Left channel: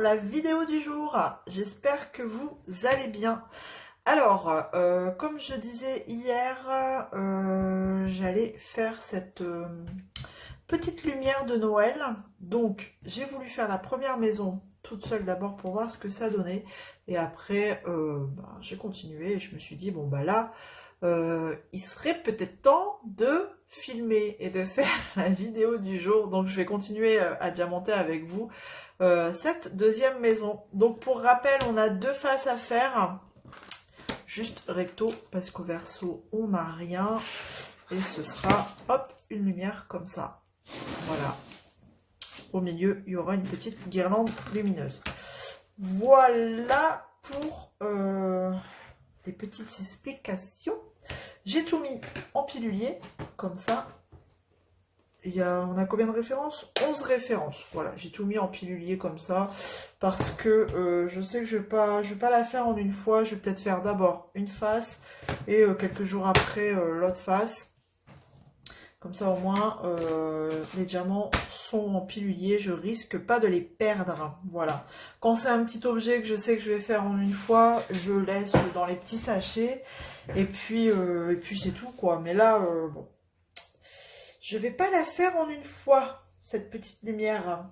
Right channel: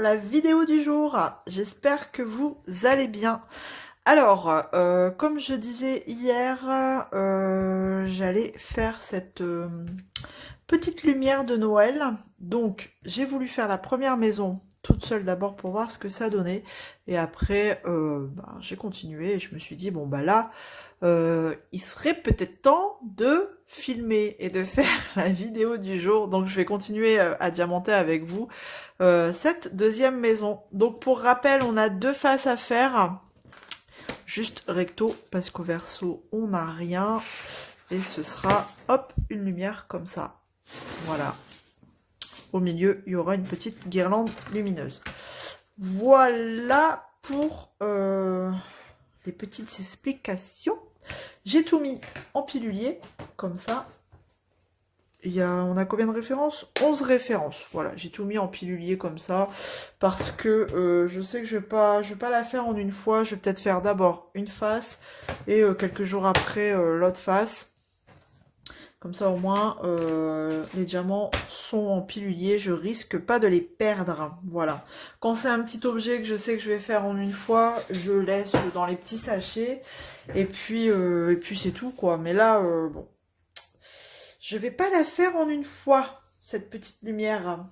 la vidéo du jour. J'espère que vous allez bien. Alors, comme je disais hier, j'allais faire cette petite lumière de Noël. Donc, j'ai voulu faire la première maison toute seule d'abord pour voir ce que ça donnait. Et après, j'ai continué et je me suis dit, bon, bah là, il serait peut-être temps de filmer et de faire la vidéo du jour. Donc je vais continuer à diamanter avec vous cette deuxième maison. Donc pour rappel, on a deux faces à faire. Juste recto parce qu'au verso, on n'a rien. Et ce sera, hop, une lumière comme ça. Voilà. Au milieu, il y aura une petite guirlande lumineuse. Voilà pour les petites explications. J'ai tout mis en pilulier, comme ça. On a combien de références? 11 références. Voilà, j'ai tout mis en pilulier comme ça. Parce que je sais que je vais pas la faire en une fois. Je vais peut-être faire d'abord une face et quelques jours après l'autre face. Comme ça au moins les diamants sont en pilulier. Je risque pas de les perdre. Voilà. Quand c'est un petit objet que je sais que je vais faire en une fois, je laisse dans les petits sachets. Et puis c'est tout quoi. Mais là, bon. Je vais pas la faire en une fois, cette petite lumière.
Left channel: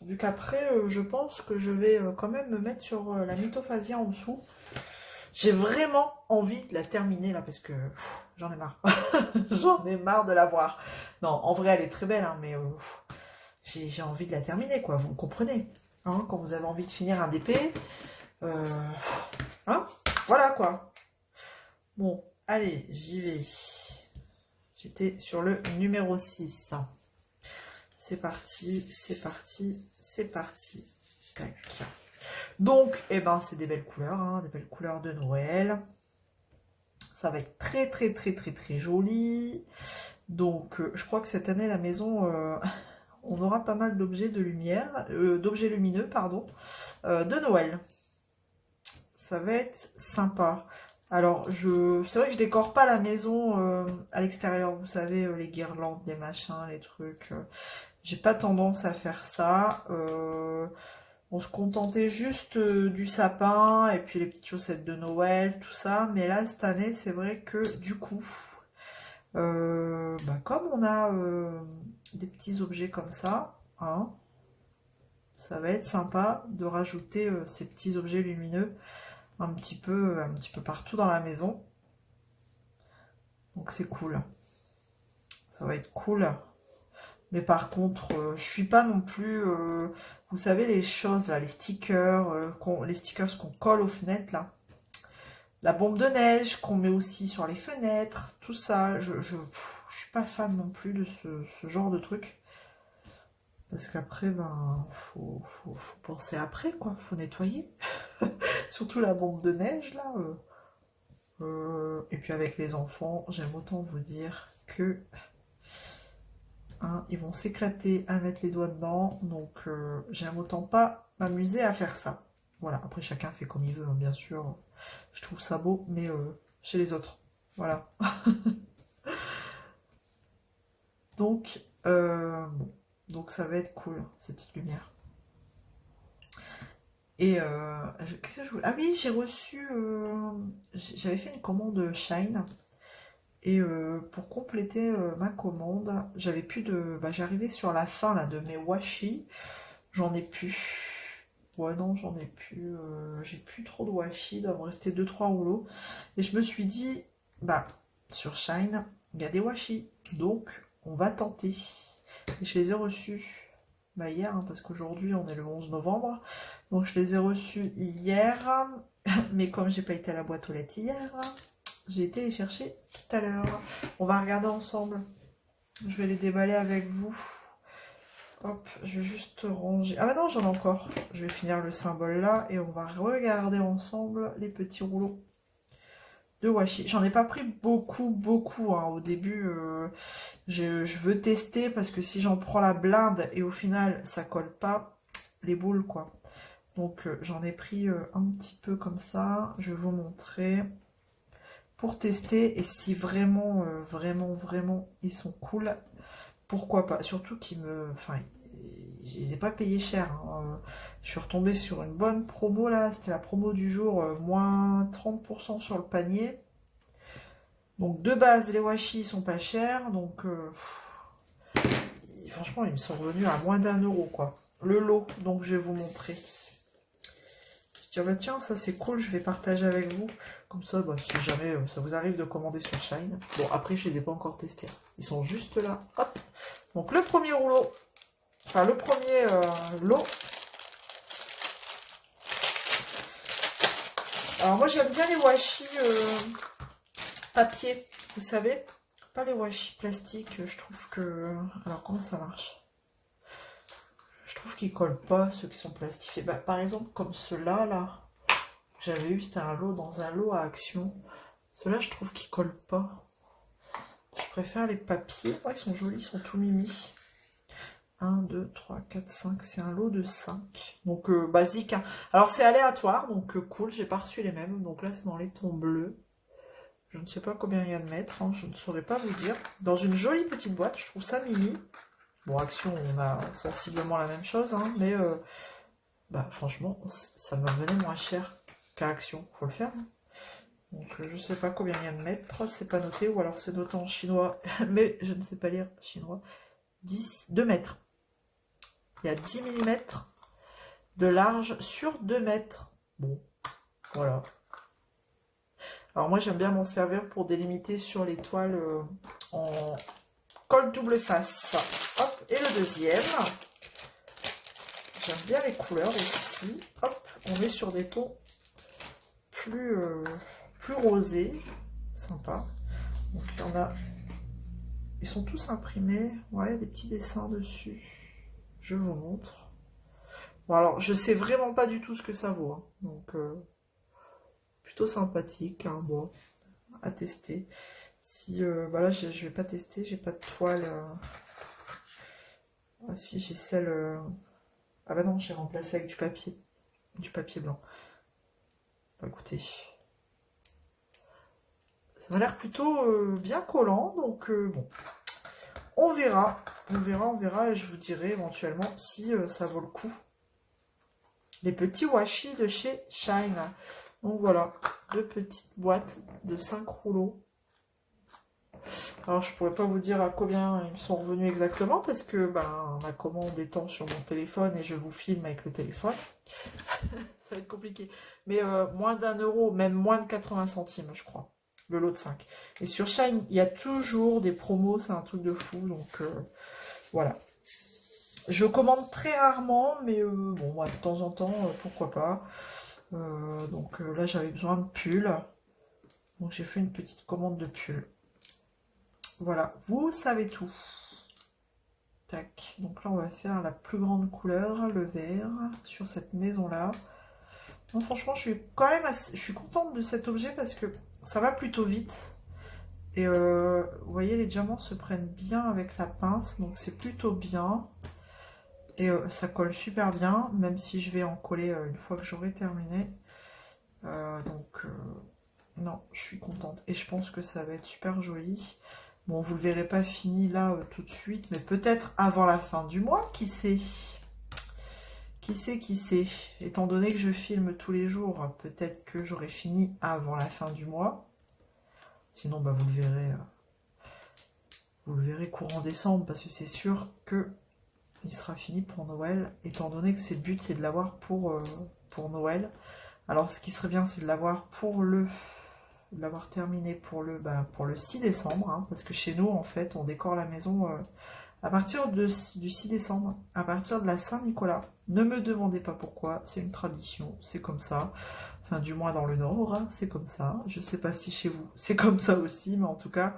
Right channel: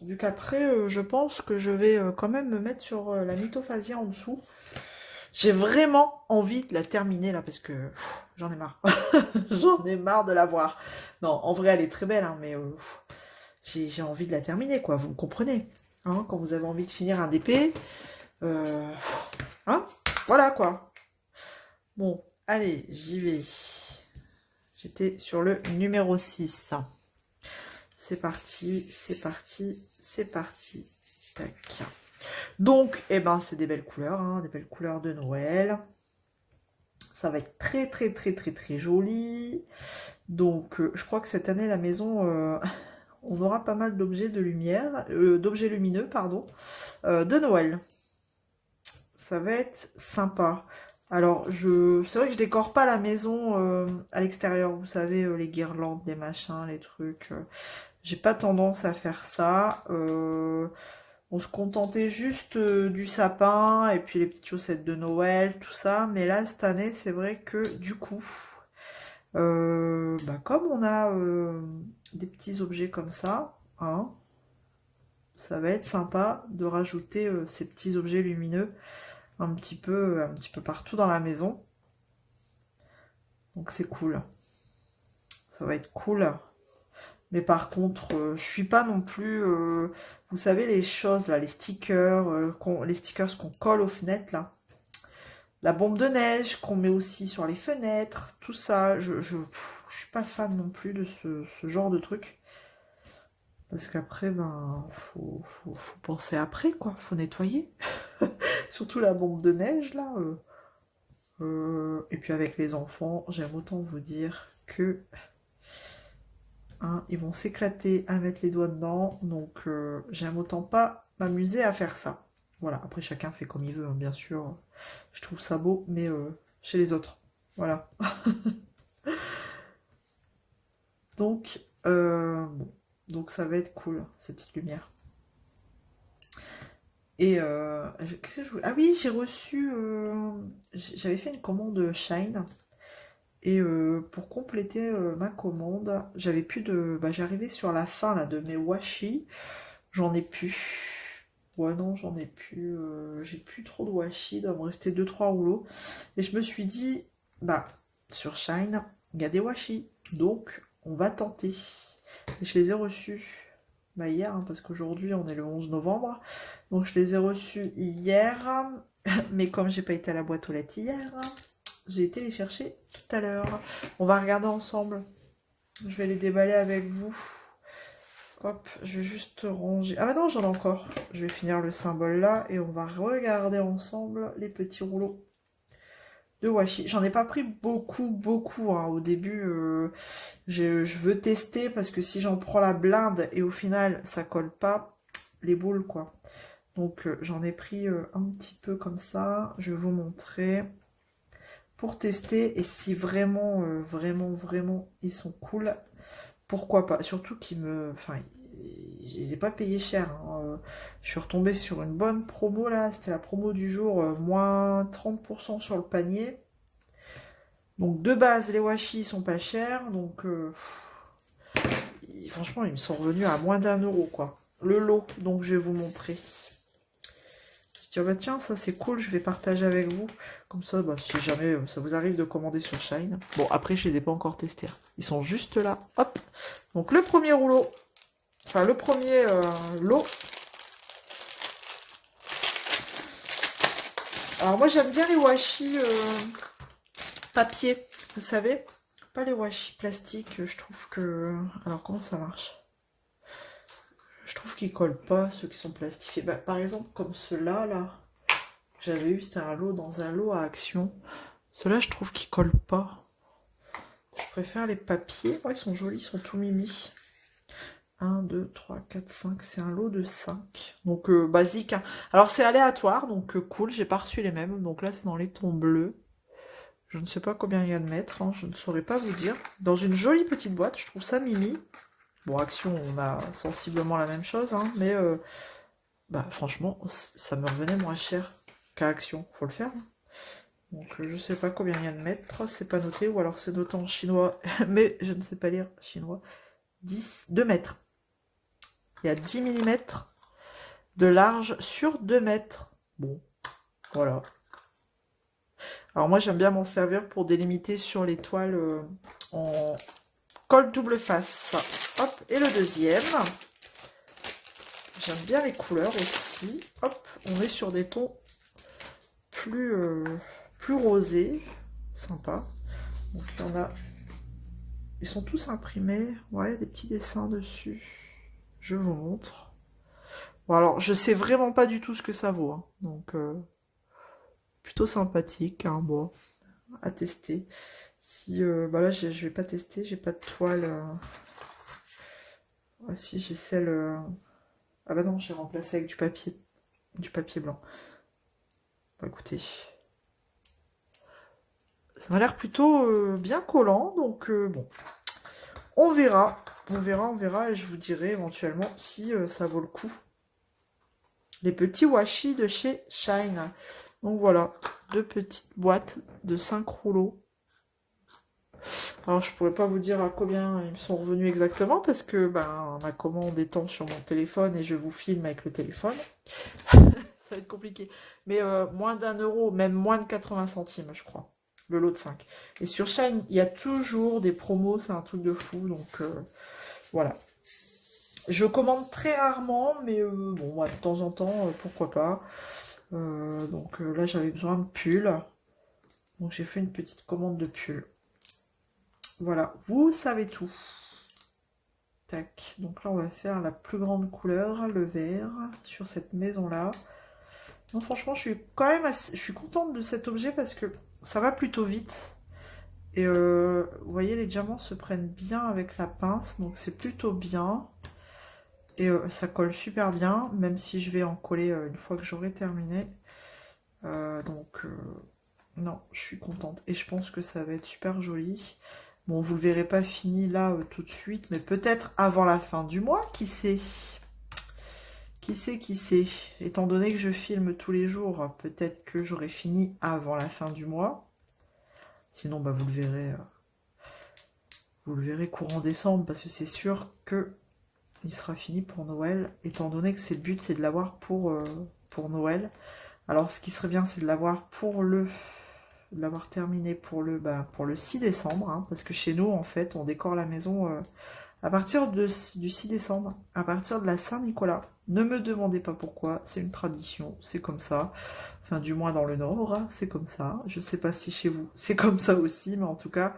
Vu qu'après, je pense que je vais quand même me mettre sur la mythophasia en dessous. J'ai vraiment envie de la terminer là parce que j'en ai marre. J'en ai marre de la voir. Non, en vrai, elle est très belle, hein, mais j'ai envie de la terminer, quoi. Vous me comprenez, hein, quand vous avez envie de finir un DP. euh, hein, voilà, quoi. Bon, allez, j'y vais. J'étais sur le numéro 6. C'est parti, c'est parti, c'est parti. Tac. Donc, eh ben, c'est des belles couleurs, hein, des belles couleurs de Noël. Ça va être très, très, très, très, très joli. Donc, je crois que cette année, la maison, on aura pas mal d'objets de lumière, d'objets lumineux, pardon, de Noël. Ça va être sympa. Alors, c'est vrai que je décore pas la maison à l'extérieur. Vous savez, les guirlandes, les machins, les trucs. J'ai pas tendance à faire ça. On se contentait juste du sapin et puis les petites chaussettes de Noël, tout ça. Mais là, cette année, c'est vrai que du coup, comme on a des petits objets comme ça, hein, ça va être sympa de rajouter ces petits objets lumineux un petit peu partout dans la maison. Donc c'est cool. Ça va être cool. Mais par contre, je suis pas non plus. Vous savez, les choses là, les stickers qu'on colle aux fenêtres là. La bombe de neige qu'on met aussi sur les fenêtres, tout ça. Je suis pas fan non plus de ce genre de truc. Parce qu'après, ben, faut penser après, quoi. Faut nettoyer. Surtout la bombe de neige là. Et puis avec les enfants, j'aime autant vous dire que hein, ils vont s'éclater à mettre les doigts dedans. Donc j'aime autant pas m'amuser à faire ça. Voilà, après chacun fait comme il veut, hein, bien sûr. Je trouve ça beau, mais chez les autres. Voilà. Donc, bon. Donc ça va être cool, ces petites lumières. Et qu'est-ce que je voulais... Ah oui, j'ai reçu... j'avais fait une commande Shine. Et pour compléter ma commande, j'avais plus de... j'arrivais sur la fin là, de mes washi. J'en ai plus. Ouais, non, j'en ai plus. J'ai plus trop de washi. Il doit me rester deux trois rouleaux. Et je me suis dit, sur Shine, il y a des washi. Donc, on va tenter. Et je les ai reçus hier, hein, parce qu'aujourd'hui, on est le 11 novembre. Donc, je les ai reçus hier. Mais comme j'ai pas été à la boîte aux lettres hier, j'ai été les chercher tout à l'heure. On va regarder ensemble. Je vais les déballer avec vous. Hop, je vais juste ranger. Ah bah non, j'en ai encore. Je vais finir le symbole là et on va regarder ensemble les petits rouleaux de washi. J'en ai pas pris beaucoup, hein. Au début, je veux tester parce que si j'en prends la blinde et au final ça colle pas, les boules quoi. Donc j'en ai pris un petit peu comme ça. Je vais vous montrer pour tester et si vraiment, vraiment ils sont cool, pourquoi pas. Surtout qu'ils me... Enfin, je les ai pas payés cher, hein. Je suis retombée sur une bonne promo là, c'était la promo du jour, moins 30% sur le panier. Donc de base, les washi sont pas chers, donc franchement, ils me sont revenus à moins d'1 euro, quoi. Le lot, donc je vais vous montrer. Je dis, ah bah tiens, ça c'est cool, je vais partager avec vous. Comme ça, bah, si jamais ça vous arrive de commander sur Shine. Bon, après, je les ai pas encore testés, hein. Ils sont juste là. Hop. Donc le premier rouleau, enfin le premier lot. Alors moi, j'aime bien les washi papier, vous savez. Pas les washi plastique, je trouve que... Alors, comment ça marche? Je trouve qu'ils collent pas, ceux qui sont plastifiés. Bah, par exemple, comme ceux-là, là. J'avais eu, c'était un lot dans un lot à Action. Ceux-là, je trouve qu'ils collent pas. Je préfère les papiers. Oh, ils sont jolis, ils sont tout mimi. 1, 2, 3, 4, 5. C'est un lot de 5. Donc, basique, hein. Alors, c'est aléatoire, donc cool. J'ai pas reçu les mêmes. Donc là, c'est dans les tons bleus. Je ne sais pas combien il y a de mètres, hein, je ne saurais pas vous dire. Dans une jolie petite boîte, je trouve ça mimi. Bon, Action, on a sensiblement la même chose, hein, mais bah, franchement, ça me revenait moins cher qu'à Action. Faut le faire, hein. Donc, je ne sais pas combien il y a de mètres, c'est pas noté, ou alors c'est noté en chinois, mais je ne sais pas lire chinois. 2 mètres. Il y a 10 millimètres de large sur 2 mètres. Bon, voilà. Alors moi, j'aime bien m'en servir pour délimiter sur les toiles en colle double face. Hop, et le deuxième. J'aime bien les couleurs ici. Hop, on est sur des tons plus rosés. Sympa. Donc il y en a. Ils sont tous imprimés. Ouais, des petits dessins dessus. Je vous montre. Bon, alors, je sais vraiment pas du tout ce que ça vaut, hein. Donc, plutôt sympathique, hein, bon, à tester. Si, bah là, je vais pas tester, j'ai pas de toile. Ah, si, j'ai celle. Ah bah non, j'ai remplacé avec du papier blanc. Bah écoutez, ça m'a l'air plutôt bien collant, donc bon, on verra, on verra, et je vous dirai éventuellement si ça vaut le coup. Les petits washi de chez Shine. Donc voilà, 2 petites boîtes de 5 rouleaux. Alors je pourrais pas vous dire à combien ils me sont revenus exactement parce que ben ma commande étant sur mon téléphone et je vous filme avec le téléphone, ça va être compliqué. Mais moins d'1 euro, même moins de 80 centimes, je crois, le lot de 5. Et sur Shine, il y a toujours des promos, c'est un truc de fou, donc voilà. Je commande très rarement, mais bon, bah, de temps en temps, pourquoi pas. Donc là, j'avais besoin de pulls, donc j'ai fait une petite commande de pulls. Voilà, vous savez tout. Tac, donc là on va faire la plus grande couleur, le vert, sur cette maison-là. Non, franchement, je suis quand même je suis contente de cet objet parce que ça va plutôt vite. Et vous voyez, les diamants se prennent bien avec la pince, donc c'est plutôt bien. Et ça colle super bien, même si je vais en coller une fois que j'aurai terminé. Non, je suis contente. Et je pense que ça va être super joli. Bon, vous le verrez pas fini là tout de suite, mais peut-être avant la fin du mois, qui sait? Qui sait, qui sait? Étant donné que je filme tous les jours, peut-être que j'aurai fini avant la fin du mois. Sinon, bah, vous le verrez courant décembre, parce que c'est sûr que il sera fini pour Noël, étant donné que c'est le but, c'est de l'avoir pour Noël. Alors, ce qui serait bien, c'est de l'avoir terminé pour le 6 décembre, hein, parce que chez nous, en fait, on décore la maison à partir du 6 décembre, à partir de la Saint-Nicolas. Ne me demandez pas pourquoi, c'est une tradition, c'est comme ça. Enfin, du moins dans le Nord, hein, c'est comme ça. Je sais pas si chez vous, c'est comme ça aussi, mais en tout cas,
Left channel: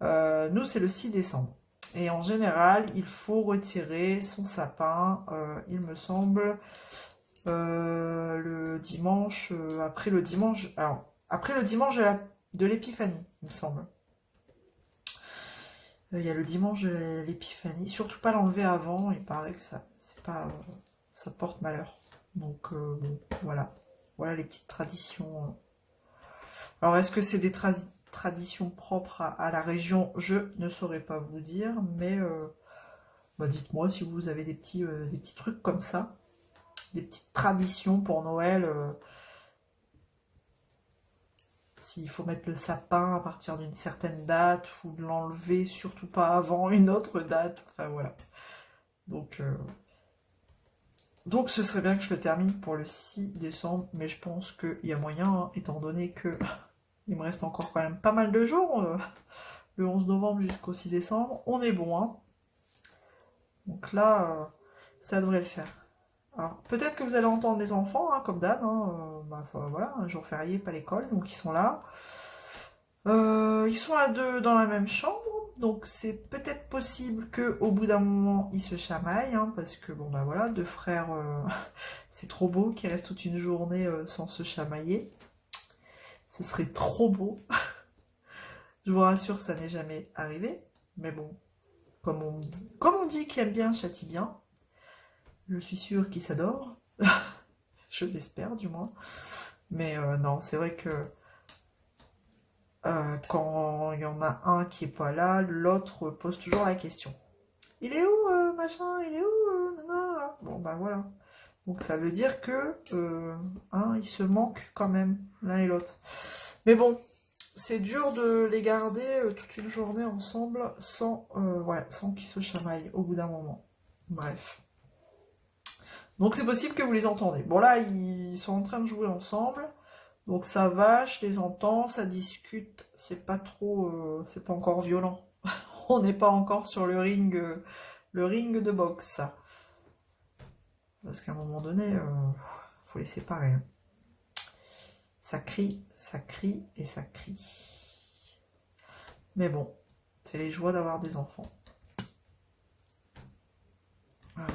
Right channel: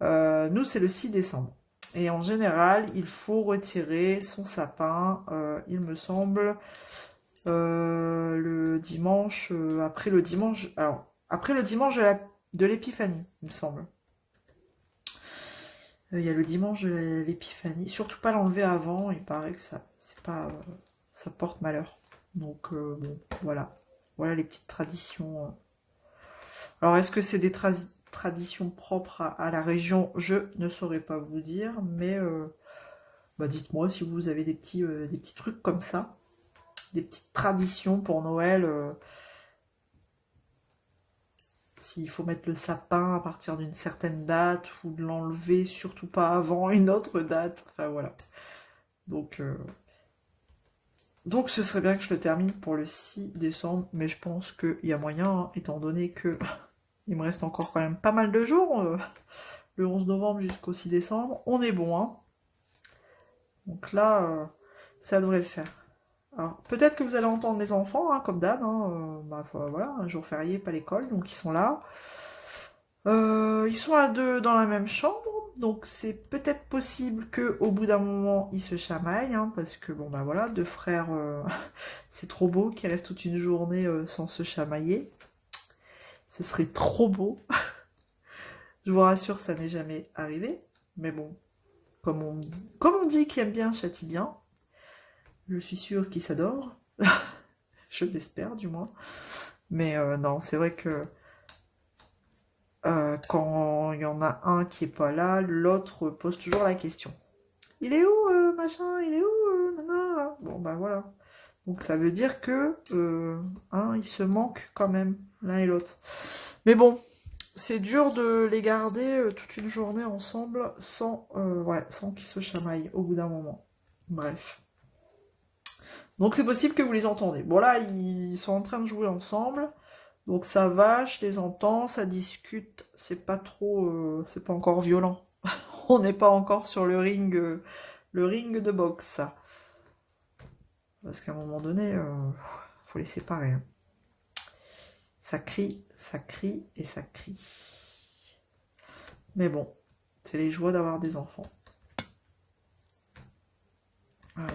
nous, c'est le 6 décembre. Et en général, il faut retirer son sapin, il me semble, le dimanche, après le dimanche, alors, après le dimanche de l'Épiphanie, il me semble. Il y a le dimanche de l'Épiphanie. Surtout pas l'enlever avant, il paraît que ça, c'est pas, ça porte malheur. Donc bon, voilà. Voilà les petites traditions. Alors est-ce que c'est des traditions propres à la région? Je ne saurais pas vous dire, mais Bah, dites-moi si vous avez des petits trucs comme ça, des petites traditions pour Noël. S'il faut mettre le sapin à partir d'une certaine date ou de l'enlever, surtout pas avant une autre date. Enfin voilà. Donc, euh, donc ce serait bien que je le termine pour le 6 décembre, mais je pense qu'il y a moyen, hein, étant donné que il me reste encore quand même pas mal de jours, le 11 novembre jusqu'au 6 décembre. On est bon, hein. Donc là, ça devrait le faire. Alors, peut-être que vous allez entendre les enfants, hein, comme d'hab, hein, voilà, un jour férié, pas l'école, donc ils sont là. Ils sont à deux dans la même chambre, donc c'est peut-être possible que au bout d'un moment ils se chamaillent, hein, parce que bon bah voilà, deux frères, c'est trop beau qu'ils restent toute une journée sans se chamailler. Ce serait trop beau. Je vous rassure, ça n'est jamais arrivé, mais bon, comme on dit qui aime bien châtie bien, je suis sûre qu'ils s'adorent, je l'espère du moins. Mais non, c'est vrai que quand il y en a un qui est pas là, l'autre pose toujours la question. Il est où, machin? Il est où, nana? Bon, bah voilà. Donc ça veut dire que hein, ils se manquent quand même, l'un et l'autre. Mais bon, c'est dur de les garder toute une journée ensemble sans qu'ils se chamaillent au bout d'un moment. Bref. Donc c'est possible que vous les entendez. Bon là, ils sont en train de jouer ensemble. Donc ça va, je les entends, ça discute. C'est pas encore violent. On n'est pas encore sur le ring de boxe. Parce qu'à un moment donné, faut les séparer, hein. Ça crie et ça crie. Mais bon, c'est les joies d'avoir des enfants. Voilà.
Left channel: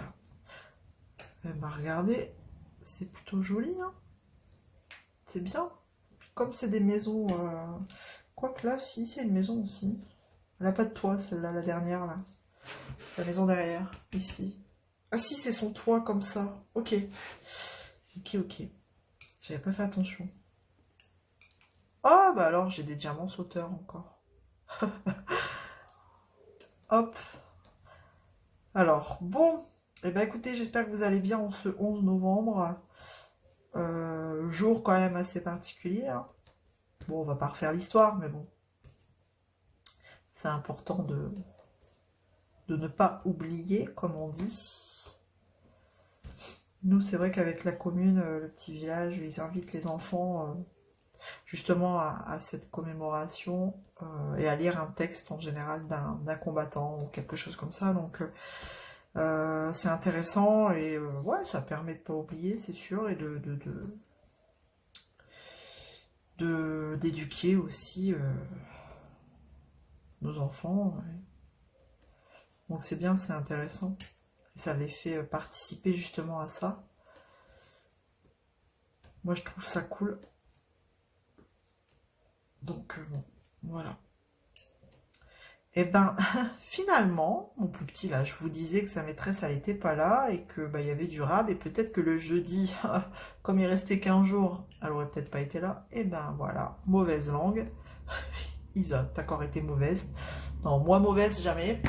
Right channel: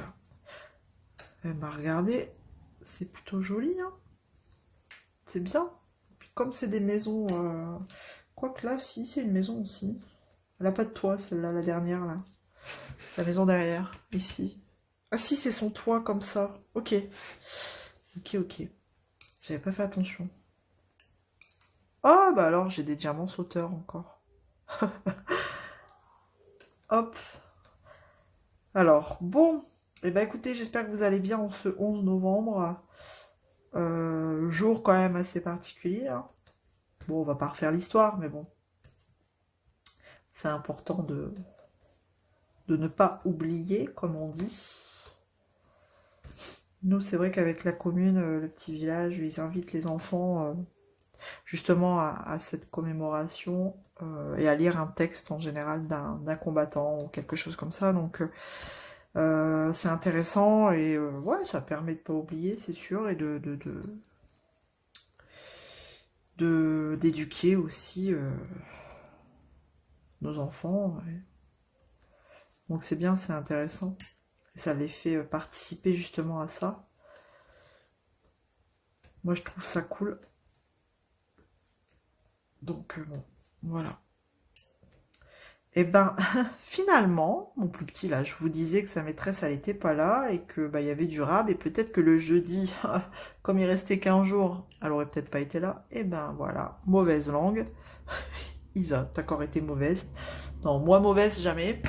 Eh ben, regardez, c'est plutôt joli, hein. C'est bien. Puis comme c'est des maisons... Quoique là, si, c'est une maison aussi. Elle n'a pas de toit, celle-là, la dernière, là. La maison derrière, ici. Ah si, c'est son toit comme ça. Ok. Ok, ok. J'avais pas fait attention. Oh, bah alors, j'ai des diamants sauteurs encore. Hop. Alors, bon. Eh ben écoutez, j'espère que vous allez bien en ce 11 novembre. Jour quand même assez particulier, hein. Bon, on va pas refaire l'histoire, mais bon. C'est important de ne pas oublier, comme on dit. Nous, c'est vrai qu'avec la commune, le petit village, ils invitent les enfants justement à cette commémoration et à lire un texte en général d'un combattant ou quelque chose comme ça. Donc c'est intéressant et ouais, ça permet de ne pas oublier, c'est sûr, et d'éduquer aussi nos enfants. Ouais. Donc c'est bien, c'est intéressant. Et ça les fait participer justement à ça. Moi, je trouve ça cool. Donc bon, voilà. Et ben, finalement, mon plus petit là, je vous disais que sa maîtresse, elle n'était pas là et que bah, il y avait du rab et peut-être que le jeudi, comme il restait qu'un jour, elle aurait peut-être pas été là. Et ben voilà, mauvaise langue. Isa, t'as encore été mauvaise. Non, moi mauvaise, jamais.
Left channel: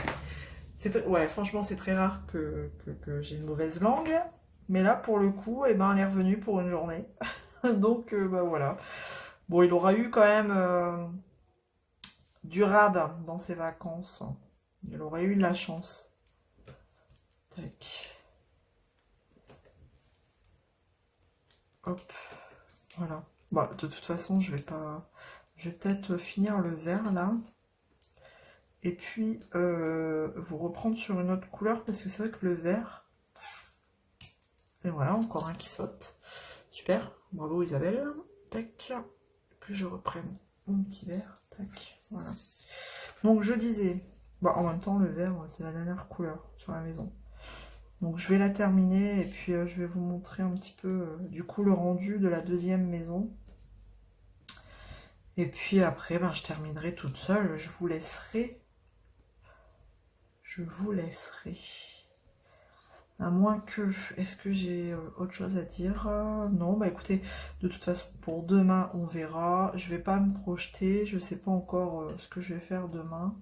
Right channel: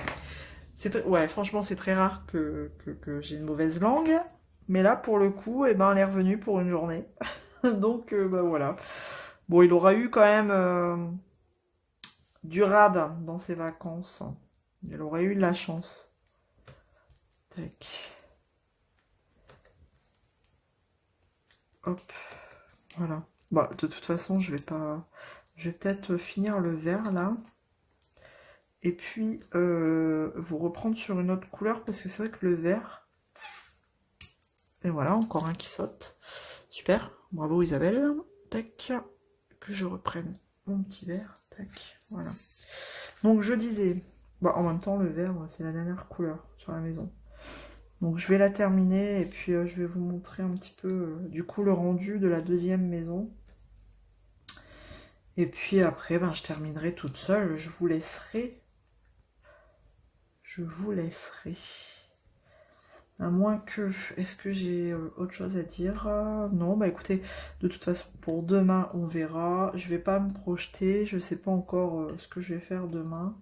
Ouais, franchement, c'est très rare que j'ai une mauvaise langue. Mais là, pour le coup, eh ben, elle est revenue pour une journée. Donc, bah voilà. Bon, il aura eu quand même du rab dans ses vacances. Il aurait eu de la chance. Tac. Hop. Voilà. Bon, de toute façon, je vais pas. Je vais peut-être finir le vert là. Et puis vous reprendre sur une autre couleur parce que c'est vrai que le vert. Et voilà, encore un qui saute. Super. Bravo Isabelle. Tac. Que je reprenne mon petit vert. Tac. Voilà. Donc je disais. Bon, en même temps, le vert, c'est la dernière couleur sur la maison. Donc je vais la terminer et puis je vais vous montrer un petit peu du coup le rendu de la deuxième maison. Et puis après, ben, je terminerai toute seule. Je vous laisserai. Je vous laisserai. À moins que... Est-ce que j'ai autre chose à dire? Non, bah écoutez, de toute façon, pour demain, on verra. Je vais pas me projeter. Je sais pas encore ce que je vais faire demain.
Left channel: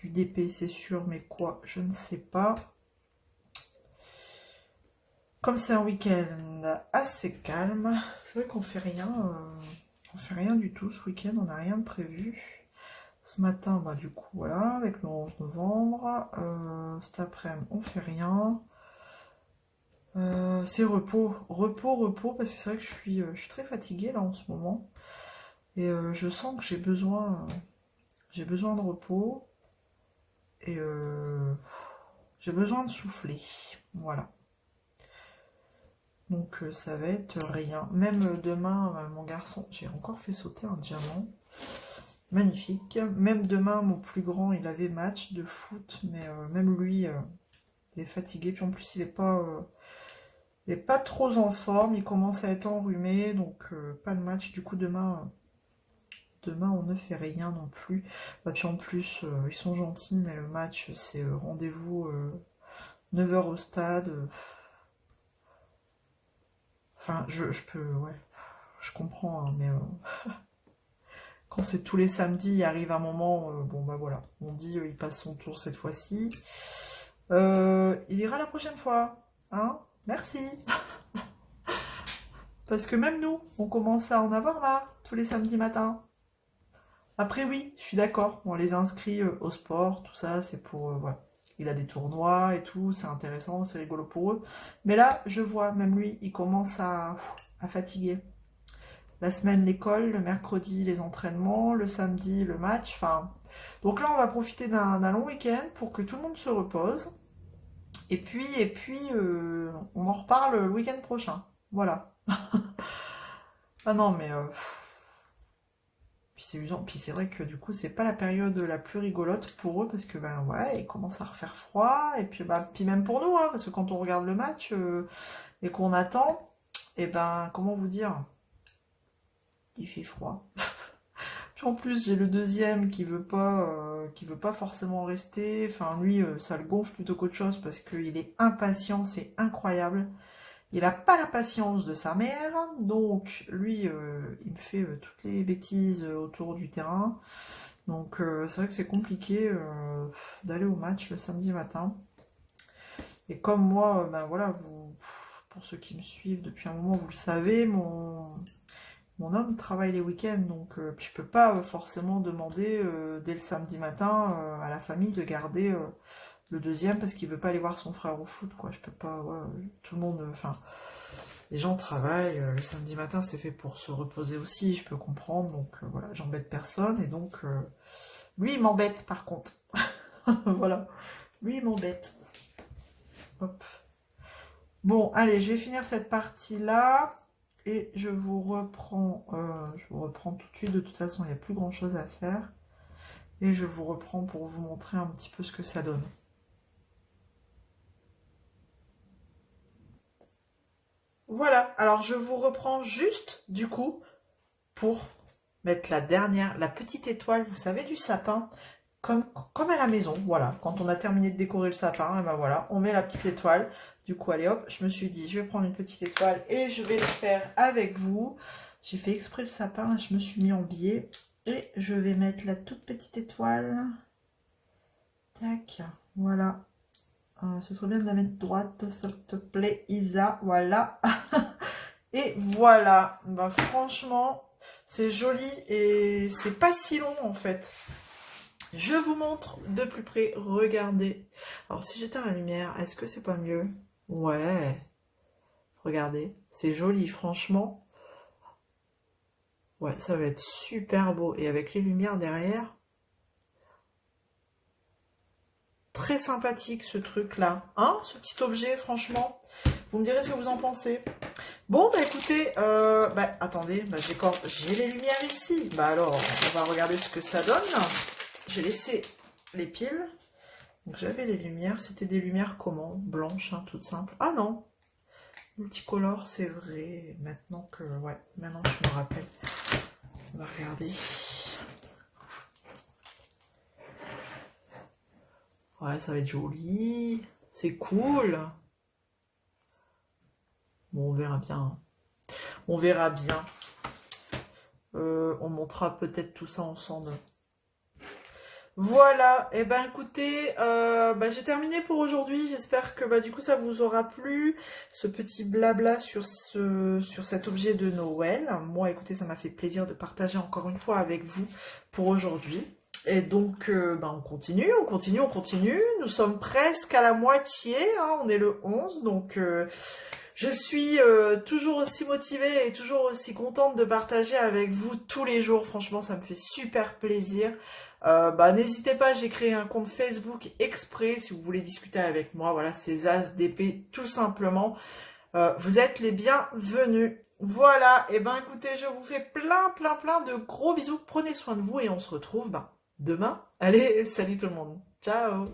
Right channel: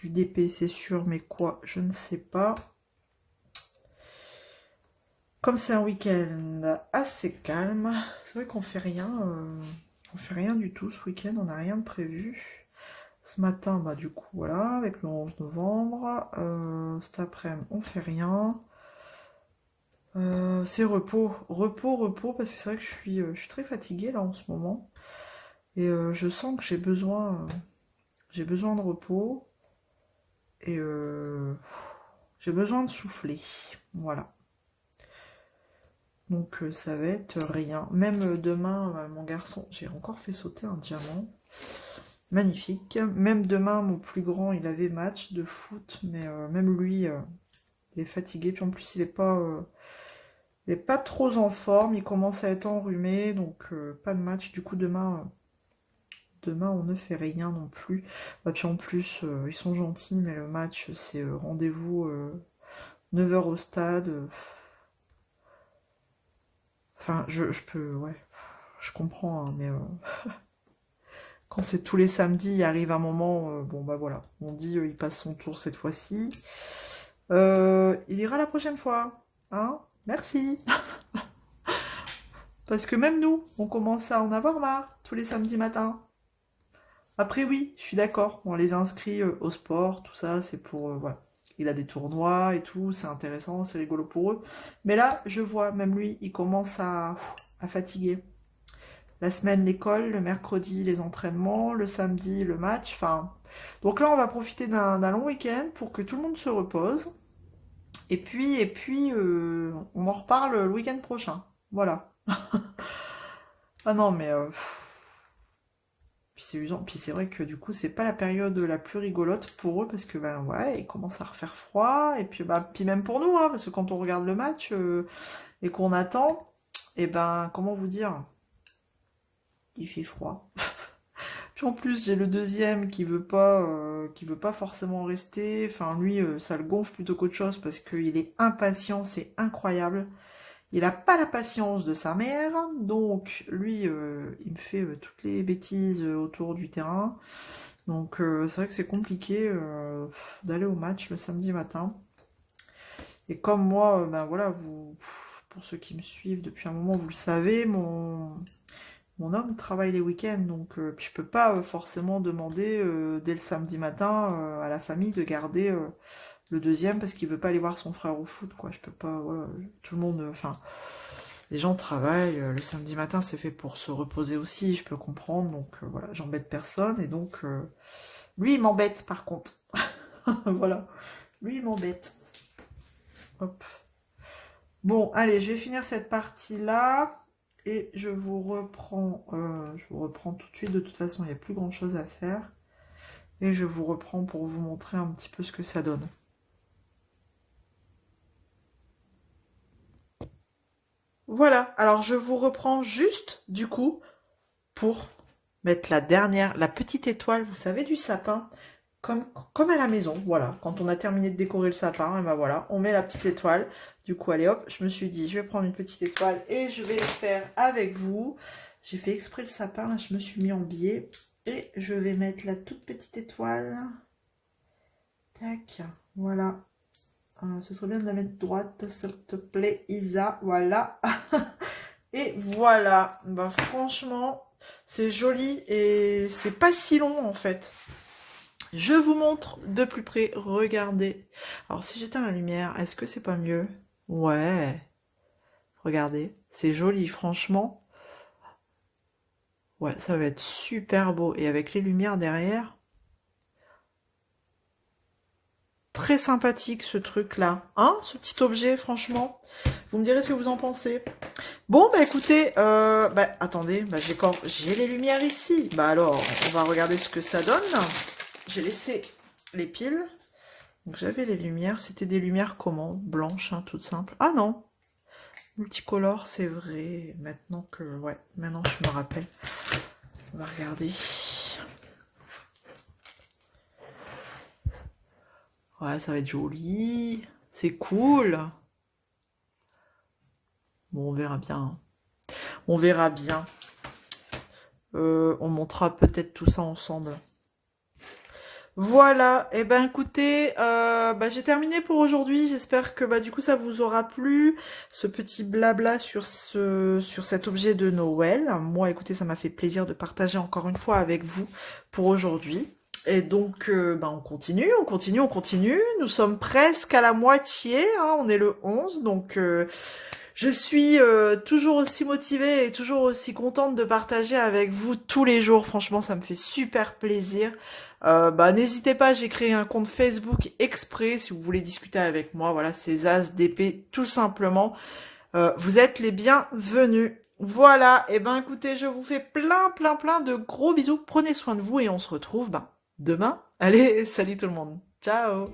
du DP, c'est sûr, mais quoi, je ne sais pas. Comme c'est un week-end assez calme, c'est vrai qu'on fait rien, on fait rien du tout ce week-end, on n'a rien de prévu. Ce matin, bah du coup, voilà, avec le 11 novembre. Cet après-midi, on fait rien. C'est repos, repos, repos, parce que c'est vrai que je suis très fatiguée là en ce moment. Et je sens que j'ai besoin de repos. Et j'ai besoin de souffler. Voilà. Donc ça va être rien. Même demain, mon garçon, j'ai encore fait sauter un diamant. Magnifique. Même demain, mon plus grand, il avait match de foot, mais même lui, il est fatigué. Puis en plus, il est pas trop en forme. Il commence à être enrhumé, donc pas de match. Du coup, demain, on ne fait rien non plus. Et puis en plus, ils sont gentils, mais le match, c'est rendez-vous 9 heures au stade. Enfin, je peux, ouais, je comprends, hein, mais quand c'est tous les samedis, il arrive un moment, bon bah voilà, on dit il passe son tour cette fois-ci. Il ira la prochaine fois, hein? Merci. Parce que même nous, on commence à en avoir marre tous les samedis matins. Après oui, je suis d'accord, on les inscrit au sport, tout ça, c'est pour, voilà. Il a des tournois et tout, c'est intéressant, c'est rigolo pour eux. Mais là, je vois, même lui, il commence à fatiguer. La semaine, l'école, le mercredi, les entraînements, le samedi, le match. Enfin, donc là, on va profiter d'un long week-end pour que tout le monde se repose. Et puis, on en reparle le week-end prochain. Voilà. Ah non, mais puis c'est usant. Puis c'est vrai que du coup, c'est pas la période la plus rigolote pour eux parce que ben ouais, il commence à refaire froid. Et puis bah, puis même pour nous, hein, parce que quand on regarde le match et qu'on attend, et ben comment vous dire, il fait froid. Puis en plus, j'ai le deuxième qui veut pas forcément rester. Enfin, lui, ça le gonfle plutôt qu'autre chose parce qu'il est impatient, c'est incroyable. Il n'a pas la patience de sa mère, donc lui, il me fait toutes les bêtises autour du terrain. Donc c'est vrai que c'est compliqué d'aller au match le samedi matin. Et comme moi, ben voilà, vous, pour ceux qui me suivent depuis un moment, vous le savez, mon homme travaille les week-ends, donc puis je peux pas forcément demander dès le samedi matin à la famille de garder le deuxième parce qu'il veut pas aller voir son frère au foot, quoi. Je peux pas, voilà, tout le monde, enfin, les gens travaillent, le samedi matin c'est fait pour se reposer aussi, je peux comprendre, donc voilà, j'embête personne, et donc lui il m'embête par contre. Voilà, lui il m'embête. Hop. Bon, allez, je vais finir cette partie-là. Et je vous reprends tout de suite. De toute façon, il n'y a plus grand-chose à faire. Et je vous reprends pour vous montrer un petit peu ce que ça donne. Voilà, alors je vous reprends juste du coup pour mettre la petite étoile, vous savez, du sapin, comme, comme à la maison. Voilà, quand on a terminé de décorer le sapin, et ben voilà, on met la petite étoile. Du coup, allez hop, je me suis dit, je vais prendre une petite étoile et je vais le faire avec vous. J'ai fait exprès le sapin, là, je me suis mis en biais. Et je vais mettre la toute petite étoile. Tac, voilà. Ce serait bien de la mettre droite, s'il te plaît, Isa. Voilà. Et voilà. Bah, franchement, c'est joli et c'est pas si long en fait. Je vous montre de plus près. Regardez. Alors, si j'éteins la lumière, est-ce que c'est pas mieux? Ouais. Regardez. C'est joli, franchement. Ouais, ça va être super beau. Et avec les lumières derrière. Très sympathique ce truc-là. Hein, ce petit objet, franchement. Vous me direz ce que vous en pensez. Bon, bah écoutez, bah, attendez, bah, j'ai les lumières ici. Bah alors, on va regarder ce que ça donne. J'ai laissé les piles. Donc j'avais les lumières. C'était des lumières comment? Blanches, hein, toutes simples. Ah non, multicolore, c'est vrai. Maintenant que, ouais, maintenant je me rappelle. On va regarder. Ouais, ça va être joli. C'est cool. Bon, on verra bien, hein. On verra bien. On montera peut-être tout ça ensemble. Voilà, et ben écoutez, j'ai terminé pour aujourd'hui. J'espère que du coup ça vous aura plu, ce petit blabla sur cet objet de Noël. Moi, écoutez, ça m'a fait plaisir de partager encore une fois avec vous pour aujourd'hui. Et donc, on continue, on continue, on continue. Nous sommes presque à la moitié, hein, on est le 11, donc je suis toujours aussi motivée et toujours aussi contente de partager avec vous tous les jours. Franchement, ça me fait super plaisir. N'hésitez pas, j'ai créé un compte Facebook exprès si vous voulez discuter avec moi. Voilà, c'est As d'épée tout simplement. Vous êtes les bienvenus. Voilà, et ben écoutez, je vous fais plein, plein, plein de gros bisous. Prenez soin de vous et on se retrouve demain. Allez, salut tout le monde. Ciao.